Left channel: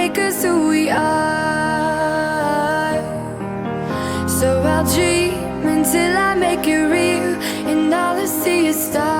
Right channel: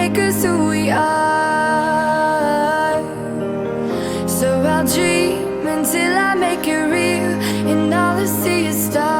make us who we are. So I'll dream until I make it real, and all I see is stars.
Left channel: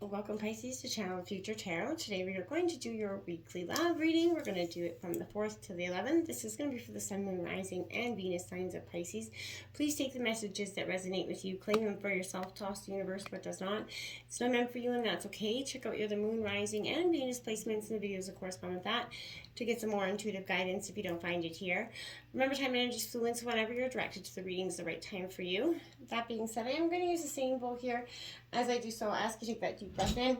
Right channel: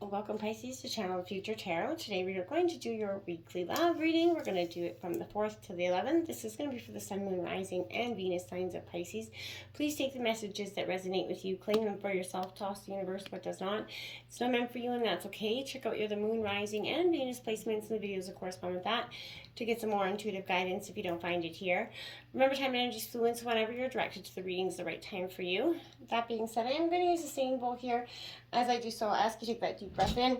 Welcome, Pisces, to Channel Future Tarot. Today we are going to do your weekly love reading. We're going to do it from the 4th to the 11th. This is going to be for the Sun, Moon, Rising, and Venus signs of Pisces. Please take the messages that resonate with you, claim them for yourself, toss the universe what does not. It's not meant for you, and that's okay. Check out your the Moon, Rising, and Venus placements in the videos that correspond with that to get some more intuitive guidance if you don't find it here. Remember, time and energy is fluent, so whenever you're directed to the reading is the right time for you. That being said, I am going to use a singing bowl here. As I do so, I ask you to take that deep breath in.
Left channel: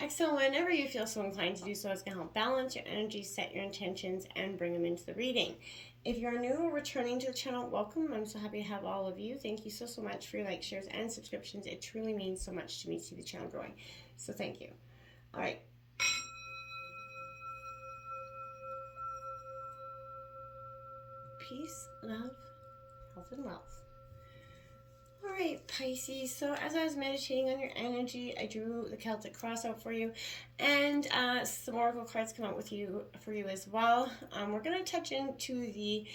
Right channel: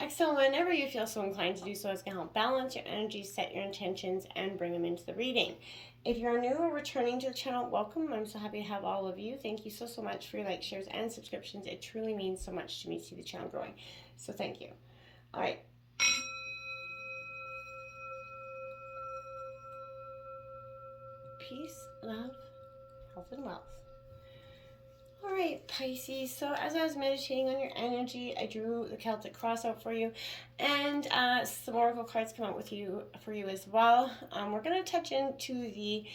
Exhale whenever you feel so inclined to do so. It's going to help balance your energy, set your intentions, and bring them into the reading. If you're new or returning to the channel, welcome. I'm so happy to have all of you. Thank you so much for your likes, shares, and subscriptions. It truly means so much to me to see the channel growing. So thank you. All right. Peace, love, health, and wealth. All right, Pisces. So as I was meditating on your energy, I drew the Celtic cross out for you, and some oracle cards come out for you as well. We're going to touch into the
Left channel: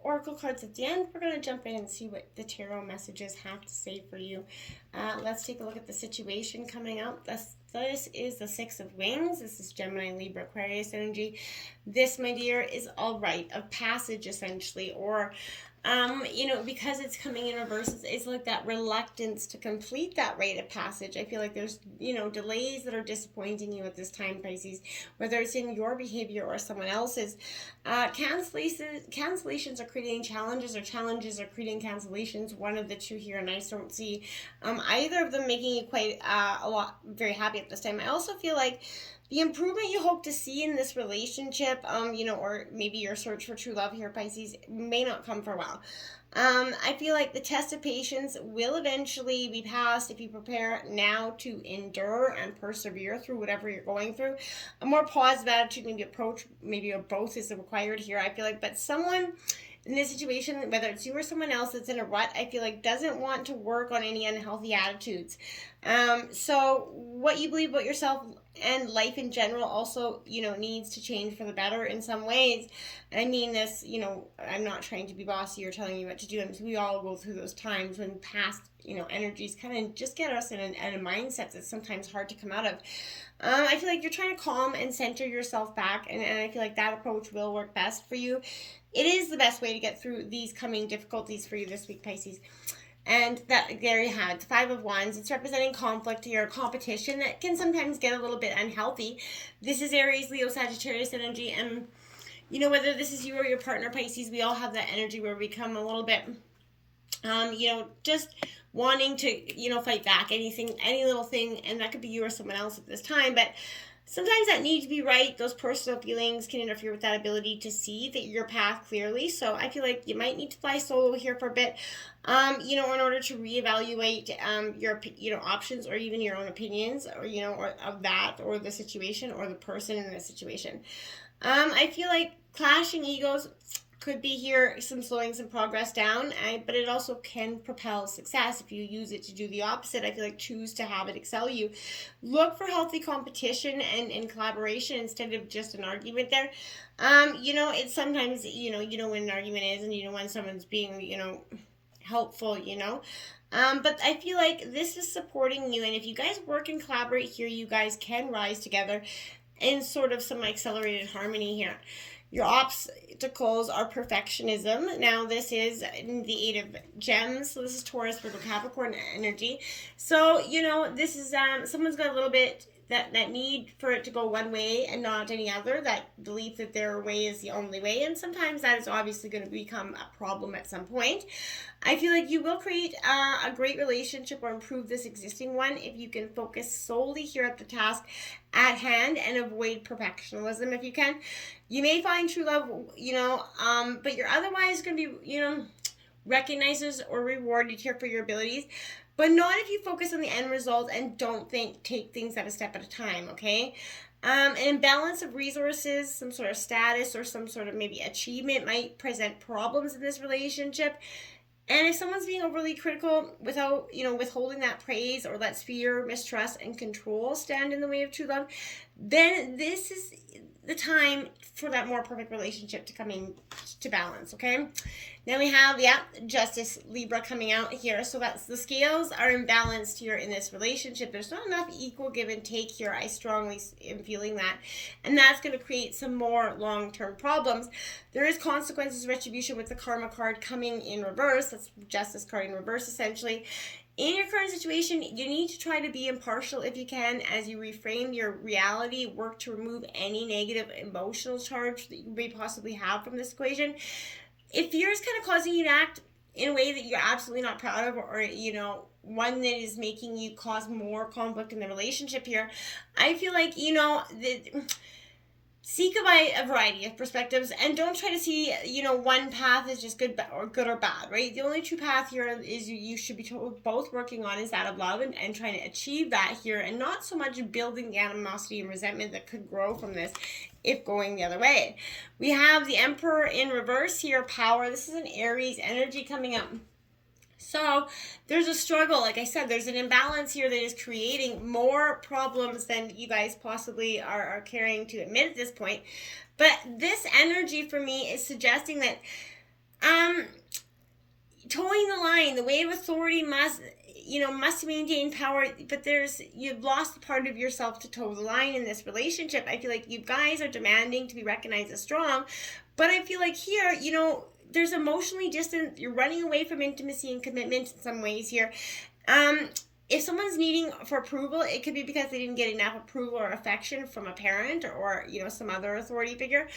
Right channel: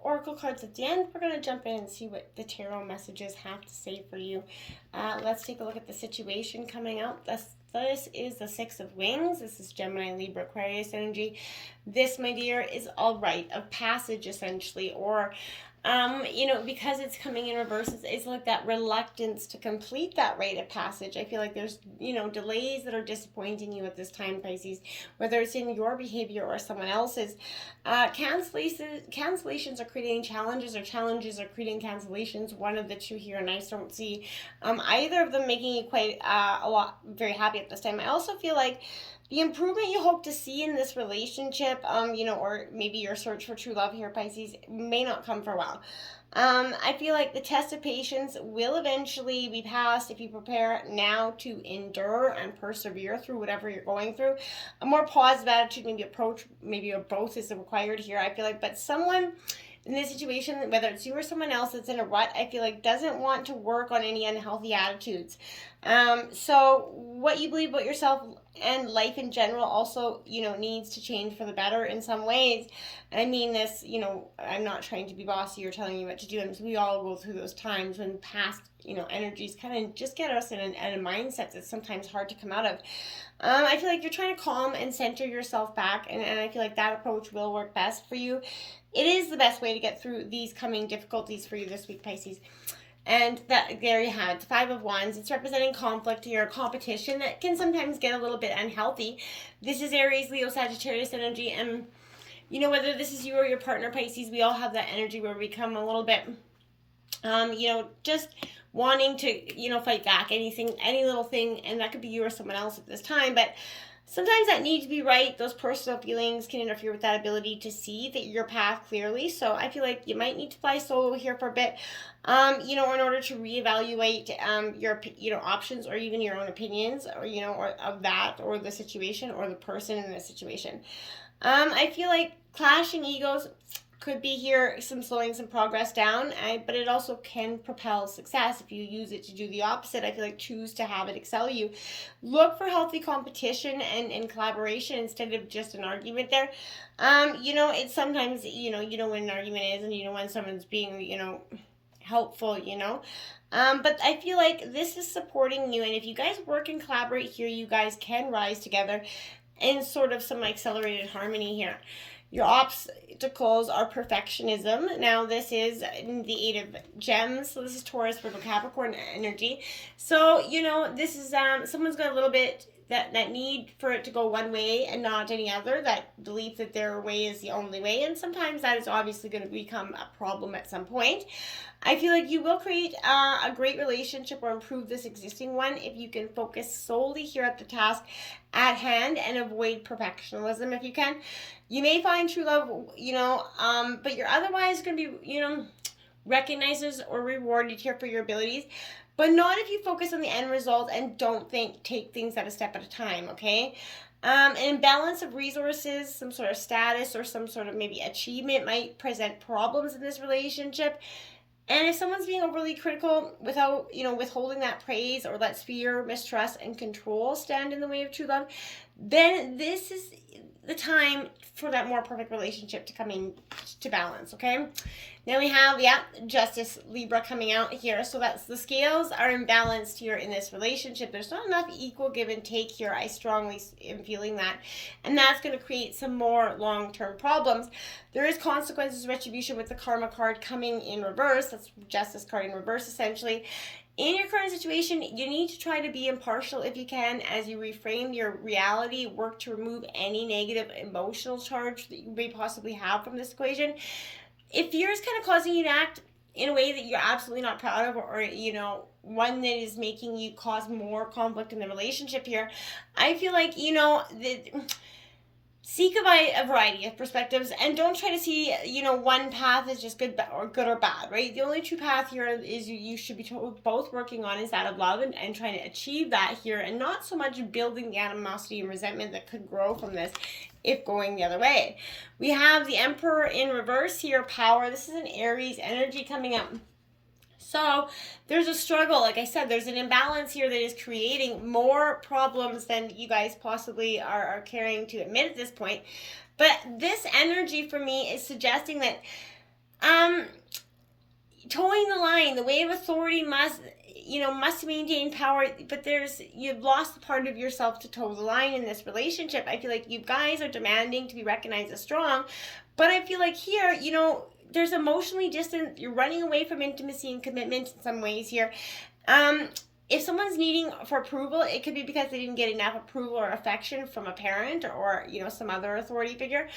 oracle cards at the end. We're going to jump in and see what the tarot messages have to say for you. Let's take a look at the situation coming up. This is the Six of Wings. This is Gemini, Libra, Aquarius energy. This, my dear, is all rite of passage, essentially, or because it's coming in reverse, it's like that reluctance to complete that rite of passage. I feel like there's, delays that are disappointing you at this time, Pisces, whether it's in your behavior or someone else's. Cancellations are creating challenges, or challenges are creating cancellations. One of the two here, and I don't see either of them making you quite very happy at this time. I also feel like the improvement you hope to see in this relationship, or maybe your search for true love here, Pisces, may not come for a while. I feel like the test of patience will eventually be passed if you prepare now to endure and persevere through whatever you're going through. A more positive attitude, maybe a both is required here, I feel like. But someone in this situation, whether it's you or someone else that's in a rut, I feel like doesn't want to work on any unhealthy attitudes. So what you believe about yourself and life in general also, needs to change for the better in some ways. I mean this, I'm not trying to be bossy or telling you what to do. We all go through those times when past, energies kind of just get us in a mindset that's sometimes hard to come out of. I feel like you're trying to calm and center yourself back, and I feel like that approach will work best for you. It is the best way to get through these coming difficulties for you this week, Pisces. And there you have it, the Five of Wands. It's representing conflict here, competition that can sometimes get a little bit unhealthy. This is Aries, Leo, Sagittarius energy, and whether this is you or your partner, Pisces, we all have that energy where we become a little bit, just wanting to, fight back any little thing, and that could be you or someone else at this time, but sometimes that need to be right. Those personal feelings can interfere with that ability to see your path clearly. So I feel like you might need to fly solo here for a bit, in order to reevaluate your options, or even your own opinions, or or of that, or the situation, or the person in the situation. I feel like clashing egos could be here, slowing some progress down, but it also can propel success if you use it to do the opposite. I feel like choose to have it excel you. Look for healthy competition and collaboration instead of just an argument there. It's sometimes, you know when an argument is, and when someone's being, helpful, but I feel like this is supporting you, and if you guys work and collaborate here, you guys can rise together in sort of some accelerated harmony here. Your obstacles are perfectionism. Now, this is the Eight of Gems. So this is Taurus, Virgo, Capricorn energy. So, this is someone's got a little bit that need for it to go one way and not any other, that belief that their way is the only way. And sometimes that is obviously going to become a problem at some point. I feel like you will create a great relationship or improve this existing one if you can focus solely here at the task at hand and avoid perfectionism if you can. You may find true love, but you're otherwise going to be, recognized or rewarded here for your abilities. But not if you focus on the end result and don't take things at a step at a time, okay? An imbalance of resources, some sort of status, or some sort of maybe achievement might present problems in this relationship. And if someone's being overly critical without, withholding that praise, or lets fear, mistrust, and control stand in the way of true love, then this is the time for that more perfect relationship to come in to balance, okay? Then we have, Justice, Libra, coming out here. So that's the scales are imbalanced here in this relationship. There's not enough equal give and take here. I strongly am feeling that. And that's going to create some more long-term problems. There is consequences, retribution with the Karma card coming in reverse. That's Justice card in reverse, essentially. In your current situation, you need to try to be impartial if you can as you reframe your reality, work to remove any negative emotional charge that you may possibly have from this equation. If fear is kind of causing you to act in a way that you're absolutely not proud of, or one that is making you cause more conflict in the relationship here, I feel like seek a variety of perspectives, and don't try to see one path is just good or bad, right? The only true path here is you should be both working on is that of love, and trying to achieve that here, and not so much building the animosity and resentment that could grow from this if going the other way. We have the Emperor in reverse here, power. This is an Aries energy coming up. So there's a struggle. Like I said, there's an imbalance here that is creating more problems than you guys possibly are caring to admit at this point. But this energy for me is suggesting that towing the line, the way of authority must maintain power, but you've lost a part of yourself to toe the line in this relationship. I feel like you guys are demanding to be recognized as strong, but I feel like here, there's emotionally distant. You're running away from intimacy and commitment in some ways here. If someone's needing for approval, it could be because they didn't get enough approval or affection from a parent or some other authority figure.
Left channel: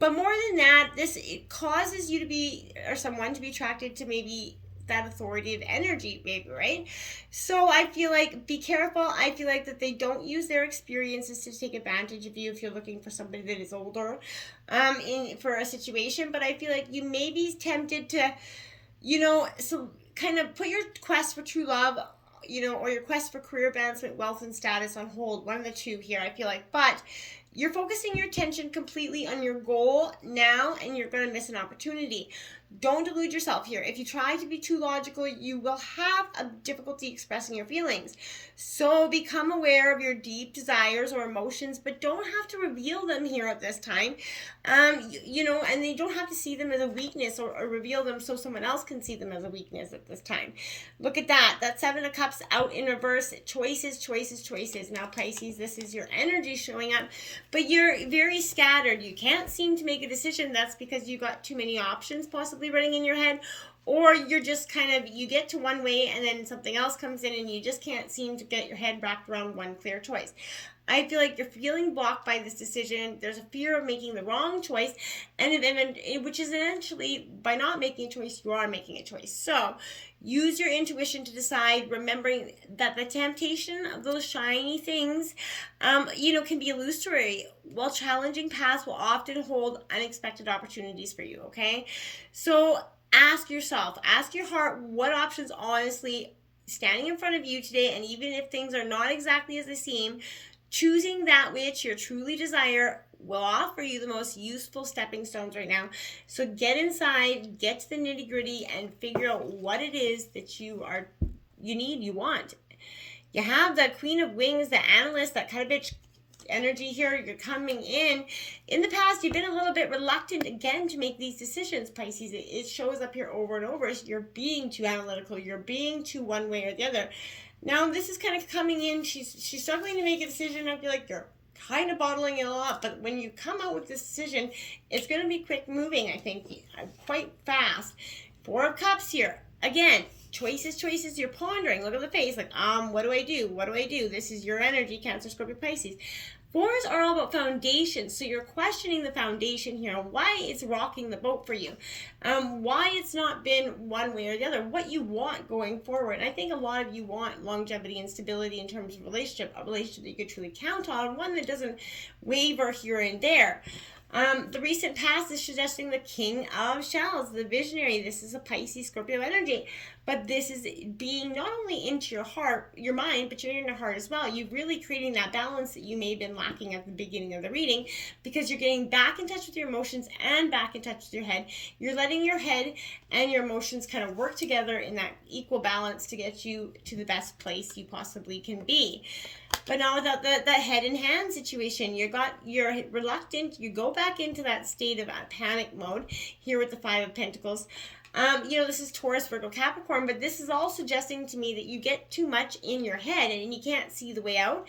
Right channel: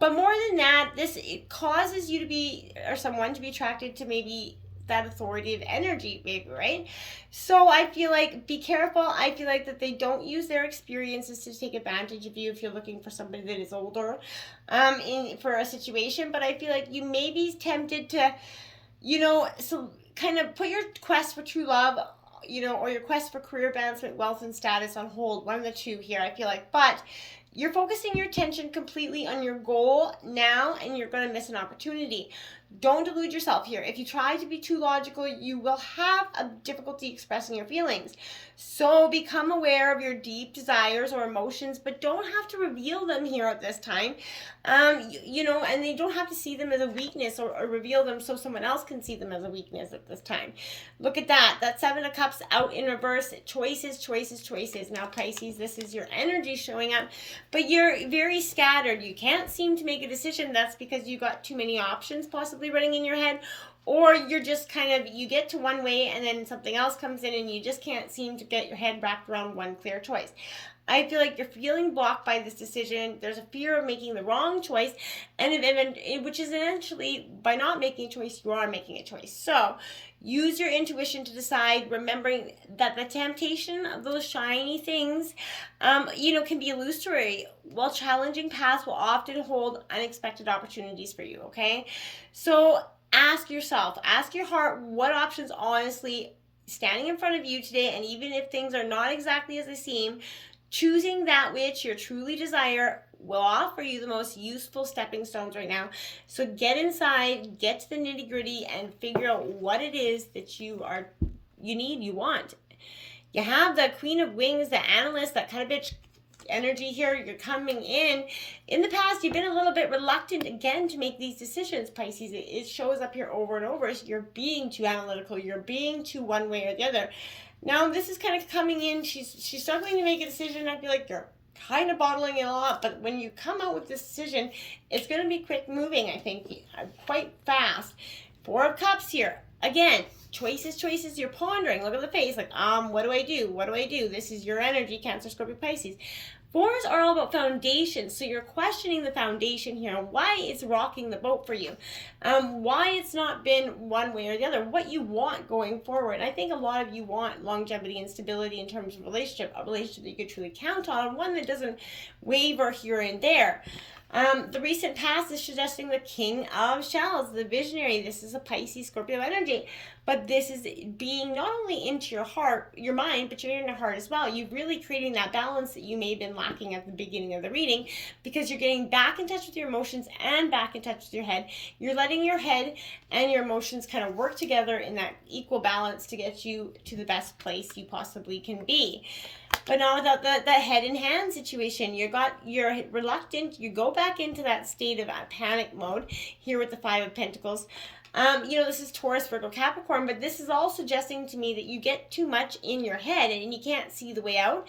But more than that, it causes you to be, or someone to be attracted to maybe that authoritative energy, maybe, right? So I feel like be careful. I feel like that they don't use their experiences to take advantage of you if you're looking for somebody that is older for a situation. But I feel like you may be tempted to, so kind of put your quest for true love, or your quest for career advancement, wealth, and status on hold. One of the two here, I feel like. But you're focusing your attention completely on your goal now, and you're going to miss an opportunity. Don't delude yourself here. If you try to be too logical, you will have a difficulty expressing your feelings. So become aware of your deep desires or emotions, but don't have to reveal them here at this time. And they don't have to see them as a weakness or reveal them so someone else can see them as a weakness at this time. Look at that. That Seven of Cups out in reverse. Choices, choices, choices. Now, Pisces, this is your energy showing up, but you're very scattered. You can't seem to make a decision. That's because you got too many options possibly running in your head, or you're just you get to one way and then something else comes in and you just can't seem to get your head wrapped around one clear choice. I feel like you're feeling blocked by this decision. There's a fear of making the wrong choice, which is essentially, by not making a choice, you are making a choice. So use your intuition to decide, remembering that the temptation of those shiny things, can be illusory, while challenging paths will often hold unexpected opportunities for you, okay? So ask yourself, ask your heart, what options honestly standing in front of you today, and even if things are not exactly as they seem, choosing that which you truly desire will offer you the most useful stepping stones right now. So get inside, get to the nitty-gritty, and figure out what it is that you need, you want. You have the Queen of Wings, the analyst, that kind of bitch energy here. You're coming in. In the past, you've been a little bit reluctant again to make these decisions, Pisces. It shows up here over and over. So you're being too analytical. You're being too one way or the other. Now this is kind of coming in. She's struggling to make a decision. I feel like you're kind of bottling it a lot, but when you come out with this decision, it's going to be quick moving, I think, quite fast. Four of Cups here. Again, choices, you're pondering. Look at the face, like, what do I do? What do I do? This is your energy, Cancer, Scorpio, Pisces. Fours are all about foundation, so you're questioning the foundation here, why it's rocking the boat for you, why it's not been one way or the other, what you want going forward. I think a lot of you want longevity and stability in terms of a relationship that you could truly count on, one that doesn't waver here and there. The recent past is suggesting the King of Shells, the visionary. This is a Pisces, Scorpio energy. but this is being not only into your heart, your mind, but you're in your heart as well. You're really creating that balance that you may have been lacking at the beginning of the reading, because you're getting back in touch with your emotions and back in touch with your head. You're letting your head and your emotions kind of work together in that equal balance to get you to the best place you possibly can be. But now without the head and hand situation, you're reluctant. You go back into that state of panic mode here with the Five of Pentacles. This is Taurus, Virgo, Capricorn, but this is all suggesting to me that you get too much in your head and you can't see the way out.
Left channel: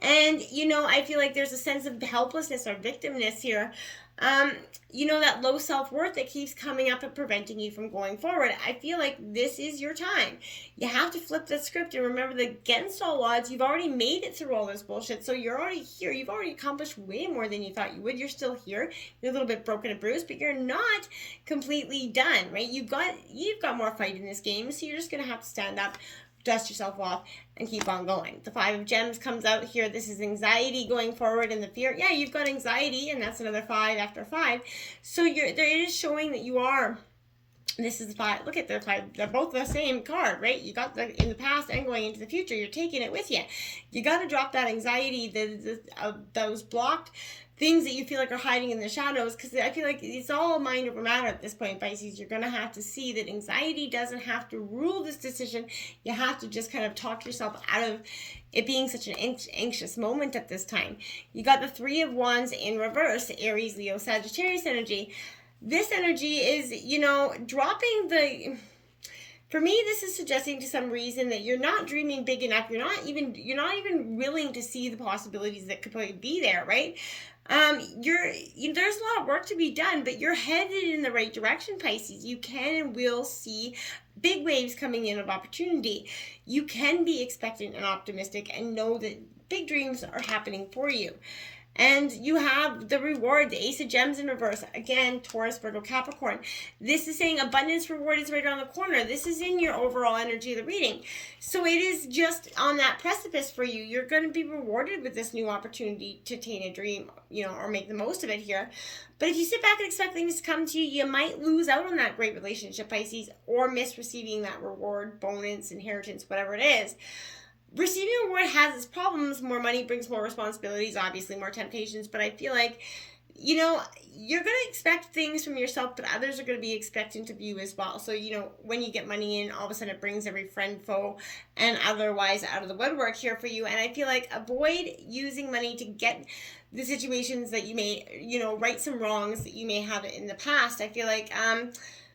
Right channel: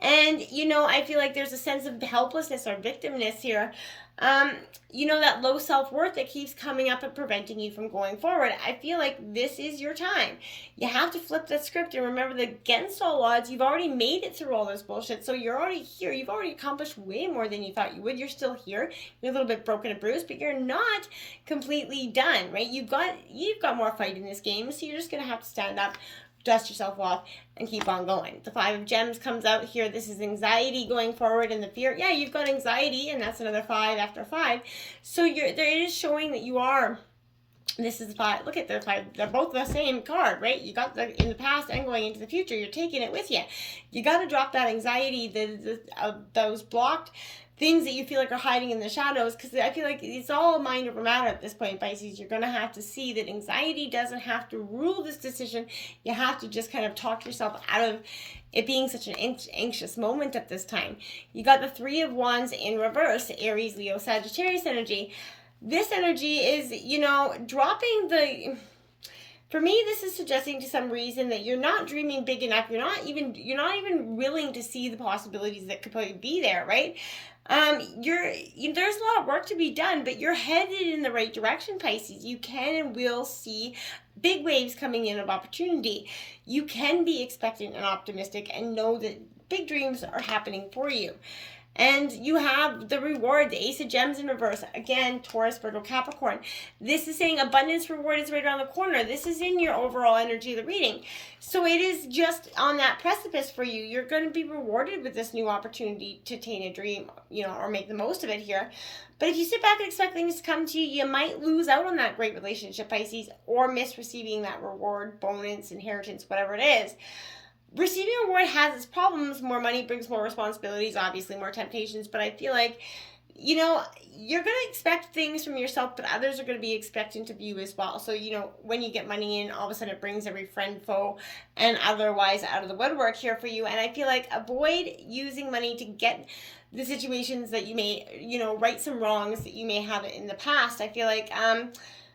And, I feel like there's a sense of helplessness or victimness here. That low self-worth that keeps coming up and preventing you from going forward. I feel like this is your time. You have to flip the script and remember that against all odds, you've already made it through all this bullshit. So you're already here. You've already accomplished way more than you thought you would. You're still here. You're a little bit broken and bruised, but you're not completely done, right? You've got more fight in this game, so you're just going to have to stand up, dust yourself off, and keep on going. The Five of Gems comes out here. This is anxiety going forward and the fear. Yeah, you've got anxiety, and that's another 5 after 5. So it is showing that you are. This is 5. Look at the 5. They're both the same card, right? You got in the past and going into the future. You're taking it with you. You got to drop that anxiety, those blocked things that you feel like are hiding in the shadows, because I feel like it's all mind over matter at this point, Pisces. You're going to have to see that anxiety doesn't have to rule this decision. You have to just kind of talk yourself out of it being such an anxious moment at this time. You got the Three of Wands in reverse, Aries, Leo, Sagittarius energy. This energy is, dropping the... For me, this is suggesting to some reason that you're not dreaming big enough. You're not even willing to see the possibilities that could probably be there, right? There's a lot of work to be done, but you're headed in the right direction, Pisces. You can and will see big waves coming in of opportunity. You can be expectant and optimistic and know that big dreams are happening for you. And you have the reward, the Ace of Gems in reverse. Again, Taurus, Virgo, Capricorn. This is saying abundance reward is right around the corner. This is in your overall energy of the reading. So it is just on that precipice for you. You're going to be rewarded with this new opportunity to attain a dream, or make the most of it here. But if you sit back and expect things to come to you, you might lose out on that great relationship, Pisces, or miss receiving that reward, bonus, inheritance, whatever it is. Receiving a reward has its problems. More money brings more responsibilities, obviously more temptations, but I feel like, you're going to expect things from yourself, but others are going to be expectant of you as well. So, when you get money in, all of a sudden it brings every friend, foe, and otherwise out of the woodwork here for you. And I feel like avoid using money to get the situations that you may, right some wrongs that you may have in the past. I feel like,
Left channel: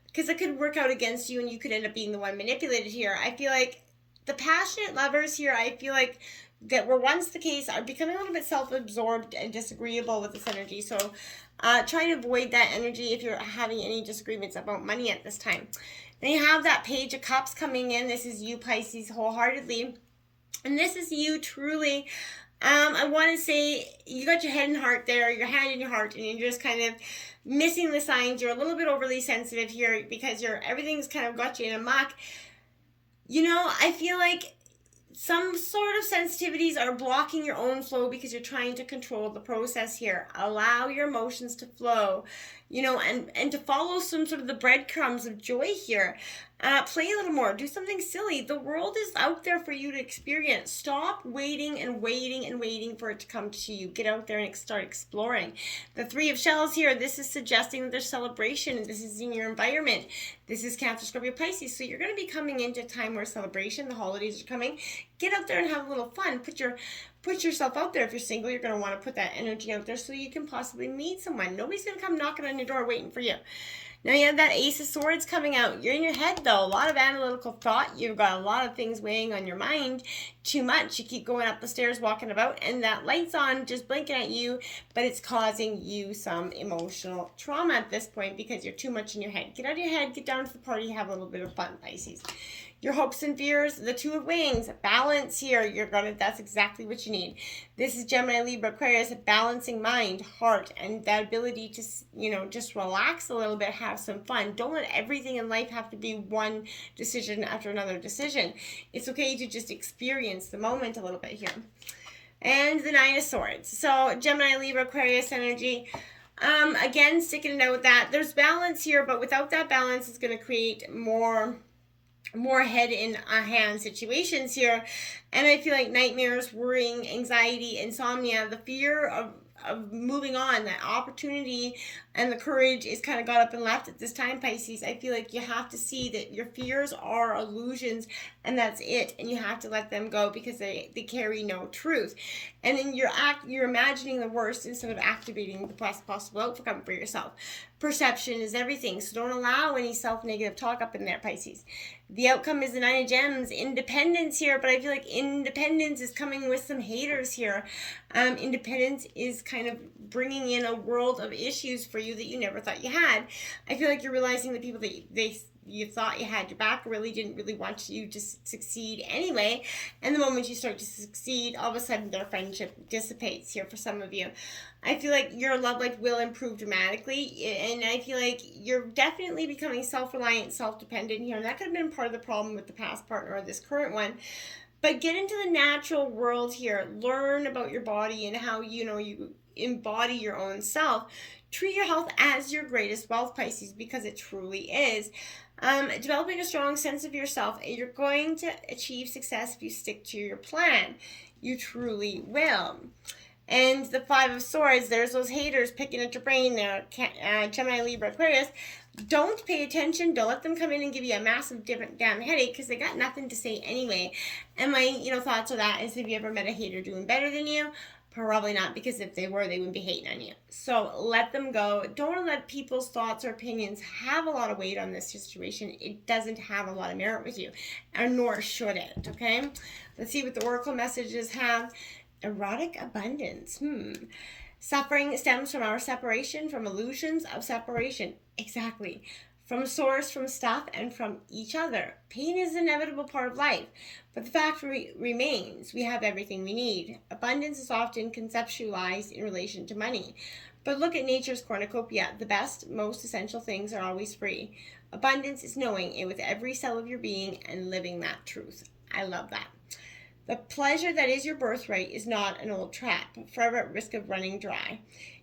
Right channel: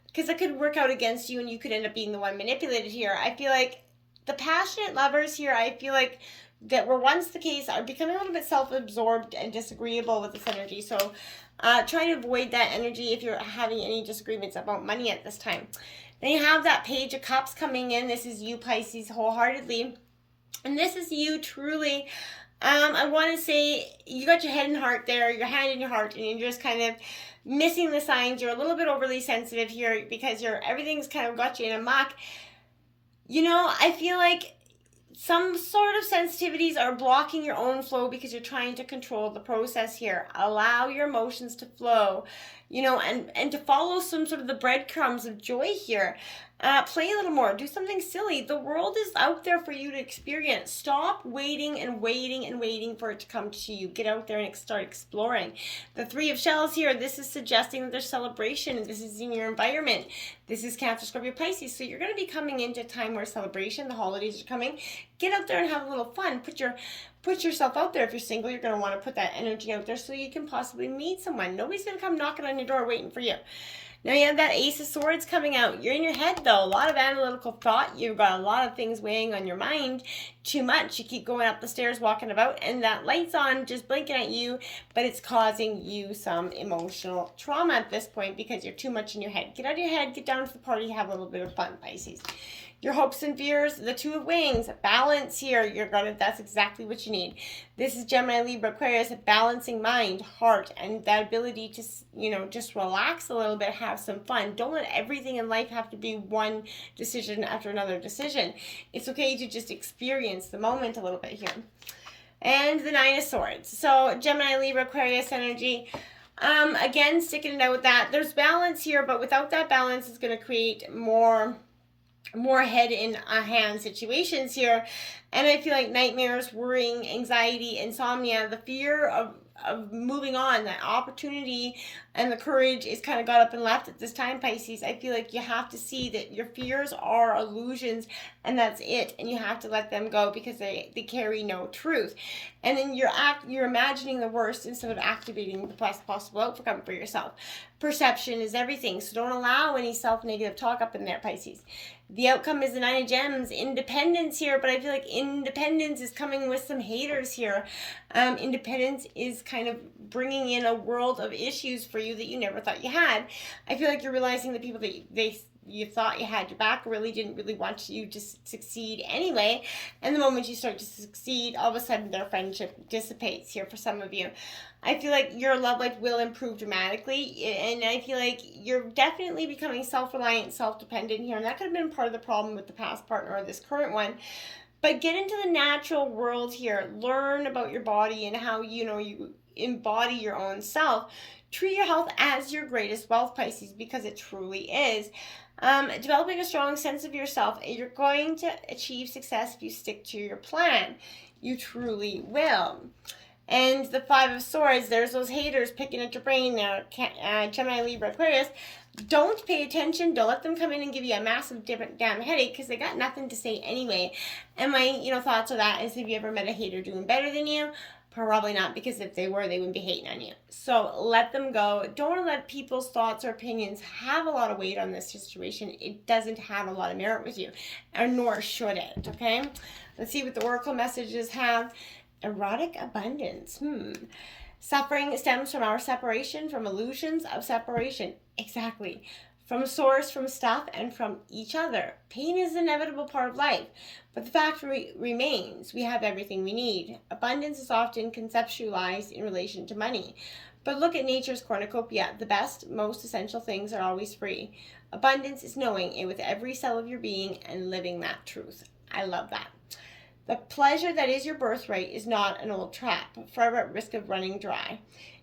because it could work out against you and you could end up being the one manipulated here. I feel like the passionate lovers here, I feel like, that were once the case are becoming a little bit self-absorbed and disagreeable with this energy. So try to avoid that energy if you're having any disagreements about money at this time. Then you have that Page of Cups coming in. This is you, Pisces, wholeheartedly. And this is you truly. I want to say you got your head and heart there, your hand in your heart, and you're just kind of missing the signs. You're a little bit overly sensitive here because everything's kind of got you in a muck. I feel like some sort of sensitivities are blocking your own flow because you're trying to control the process here. Allow your emotions to flow, and to follow some sort of the breadcrumbs of joy here. Play a little more. Do something silly. The world is out there for you to experience. Stop waiting and waiting and waiting for it to come to you. Get out there and start exploring. The Three of Shells here, this is suggesting that there's celebration. This is in your environment. This is Cancer, Scorpio, Pisces. So you're going to be coming into a time where celebration, the holidays are coming. Get out there and have a little fun. Put yourself out there. If you're single, you're going to want to put that energy out there so you can possibly meet someone. Nobody's going to come knocking on your door waiting for you. Now you have that Ace of Swords coming out. You're in your head, though. A lot of analytical thought. You've got a lot of things weighing on your mind. Too much. You keep going up the stairs, walking about, and that light's on, just blinking at you, but it's causing you some emotional trauma at this point because you're too much in your head. Get out of your head. Get down to the party. Have a little bit of fun, Pisces. Your hopes and fears, the Two of Wings, balance here. That's exactly what you need. This is Gemini, Libra, Aquarius, a balancing mind, heart, and that ability to, just relax a little bit, have some fun. Don't let everything in life have to be one decision after another decision. It's okay to just experience the moment a little bit here. And the Nine of Swords. So Gemini, Libra, Aquarius energy. Again, sticking it out with that. There's balance here, but without that balance, it's going to create more more head in a hand situations here. And I feel like nightmares, worrying, anxiety, insomnia, the fear of moving on, that opportunity and the courage is kind of got up and left at this time, Pisces. I feel like you have to see that your fears are illusions and that's it, and you have to let them go because they carry no truth. And then you're imagining the worst instead of activating the best possible outcome for yourself. Perception is everything, so don't allow any self-negative talk up in there, Pisces. The outcome is the Nine of Gems, independence here, but I feel like independence is coming with some haters here. Independence is kind of bringing in a world of issues for you that you never thought you had. I feel like you're realizing the people that you thought you had your back really didn't really want you to succeed anyway. And the moment you start to succeed, all of a sudden their friendship dissipates here for some of you. I feel like your love life will improve dramatically, and I feel like you're definitely becoming self-reliant, self-dependent here, and that could have been part of the problem with the past partner or this current one. But get into the natural world here. Learn about your body and how you embody your own self. Treat your health as your greatest wealth, Pisces, because it truly is. Developing a strong sense of yourself. You're going to achieve success if you stick to your plan. You truly will. And the Five of Swords, there's those haters picking at your brain there, Gemini, Libra, Aquarius. Don't pay attention. Don't let them come in and give you a massive damn headache because they got nothing to say anyway. And my thoughts of that is, have you ever met a hater doing better than you? Probably not, because if they were, they wouldn't be hating on you. So let them go. Don't let people's thoughts or opinions have a lot of weight on this situation. It doesn't have a lot of merit with you, or nor should it, okay? Let's see what the Oracle messages have. Erotic abundance. Suffering stems from our separation, from illusions of separation. Exactly. From source, from stuff, and from each other. Pain is an inevitable part of life, but the fact remains we have everything we need. Abundance is often conceptualized in relation to money. But look at nature's cornucopia. The best, most essential things are always free. Abundance is knowing it with every cell of your being and living that truth. I love that. The pleasure that is your birthright is not an old trap, forever at risk of running dry.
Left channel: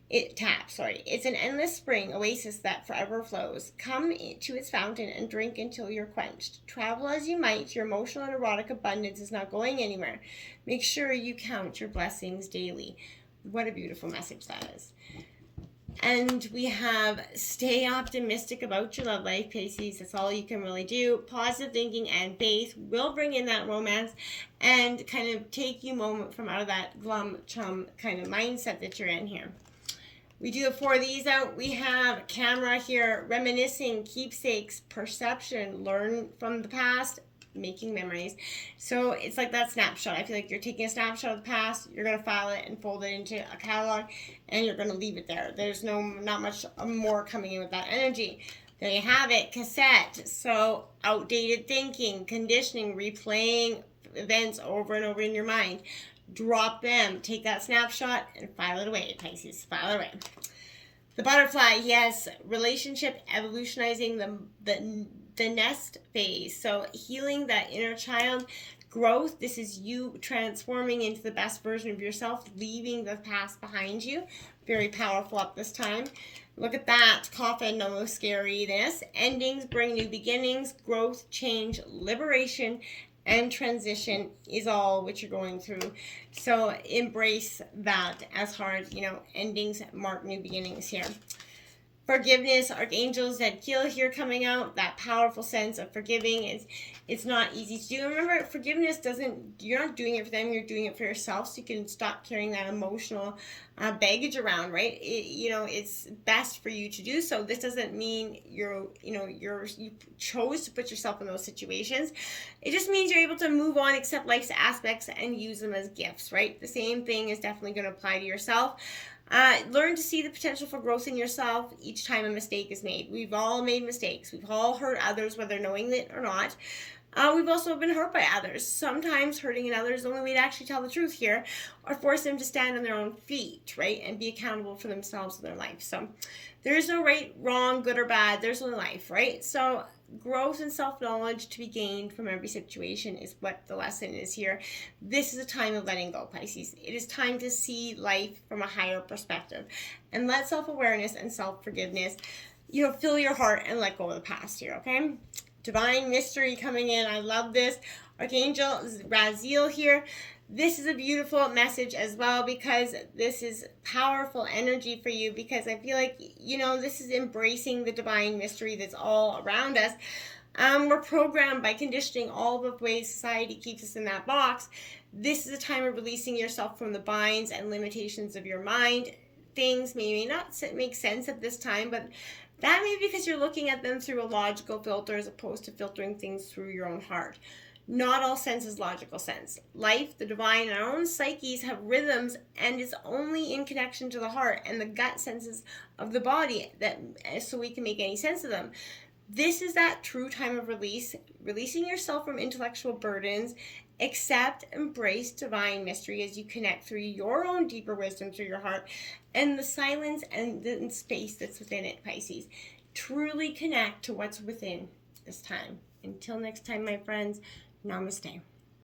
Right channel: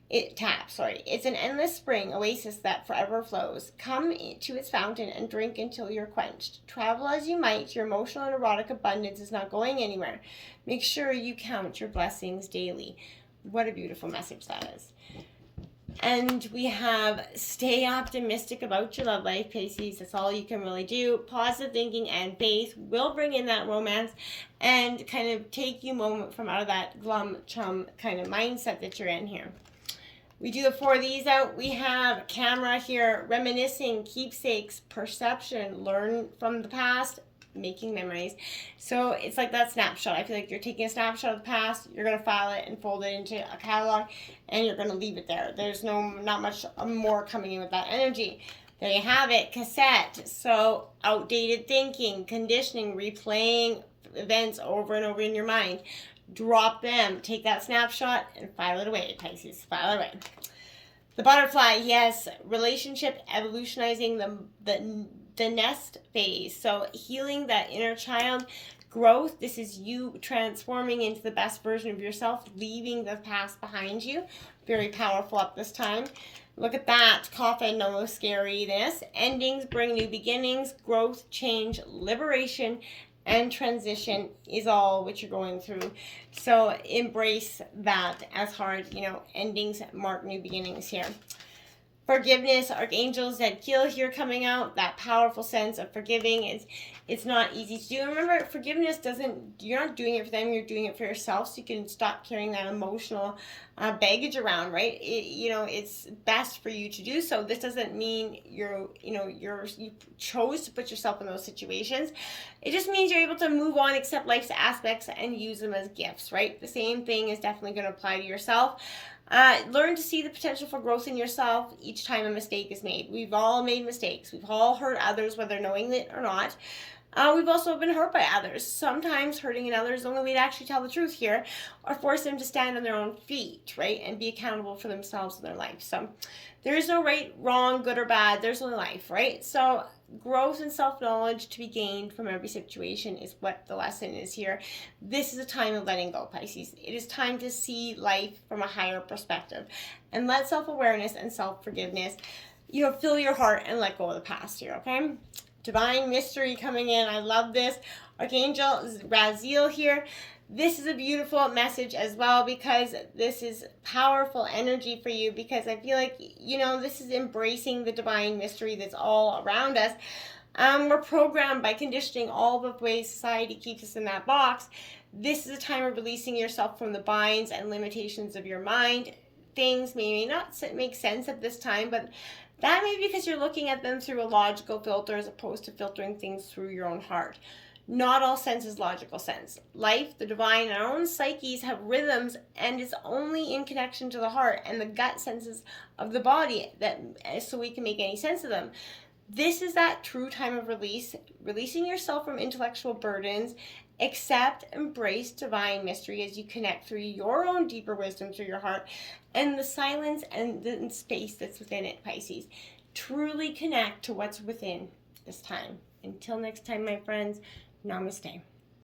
It's an endless spring oasis that forever flows. Come to its fountain and drink until you're quenched. Travel as you might, your emotional and erotic abundance is not going anywhere. Make sure you count your blessings daily. What a beautiful message that is. And we have stay optimistic about your love life, Pisces. That's all you can really do. Positive thinking and faith will bring in that romance and kind of take you moment from out of that glum chum kind of mindset that you're in here. We do the 4 of these out. We have camera here, reminiscing, keepsakes, perception, learn from the past, making memories. So it's like that snapshot. I feel like you're taking a snapshot of the past, you're going to file it and fold it into a catalog, and you're going to leave it there. There's not much more coming in with that energy. There you have it, cassette. So outdated thinking, conditioning, replaying events over and over in your mind. Drop them, take that snapshot and file it away, Pisces. File it away. The butterfly, yes, relationship evolutionizing the nest phase. So healing that inner child, growth. This is you transforming into the best version of yourself, leaving the past behind you. Very powerful up this time. Look at that. Coffin, no scariness. Endings bring new beginnings. Growth, change, liberation, and transition is all what you're going through. So embrace that as hard. Endings mark new beginnings here. Forgiveness, archangels that kill here coming out. That powerful sense of forgiving it's not easy to do. And remember, forgiveness you're not doing it for them, you're doing it for yourself, so you can stop carrying that emotional baggage around, right? It's best for you to do so. This doesn't mean you chose to put yourself in those situations. It just means you're able to move on, accept life's aspects, and use them as gifts, right? The same thing is definitely going to apply to yourself. Learn to see the potential for growth in yourself each time a mistake is made. We've all made mistakes. We've all hurt others, whether knowing it or not. We've also been hurt by others. Sometimes hurting others is the only way to actually tell the truth here, or force them to stand on their own feet, right, and be accountable for themselves and their life. So there is no right, wrong, good or bad. There's only life, right? So growth and self-knowledge to be gained from every situation is what the lesson is here. This is a time of letting go, Pisces. It is time to see life from a higher perspective and let self-awareness and self-forgiveness fill your heart and let go of the past here, okay? divine mystery coming in. I love this. Archangel Raziel here. This is a beautiful message as well, because this is powerful energy for you, because I feel like, you know, this is embracing the divine mystery that's all around us. We're programmed by conditioning, all the ways society keeps us in that box. This is a time of releasing yourself from the binds and limitations of your mind. Things may not make sense at this time, but that may be because you're looking at them through a logical filter as opposed to filtering things through your own heart. Not all sense is logical sense. Life, the divine, and our own psyches have rhythms, and it's only in connection to the heart and the gut senses of the body that so we can make any sense of them. This is that true time of release, releasing yourself from intellectual burdens. Accept, embrace divine mystery as you connect through your own deeper wisdom through your heart and the silence and the space that's within it, Pisces. Truly connect to what's within this time. Until next time, my friends, namaste.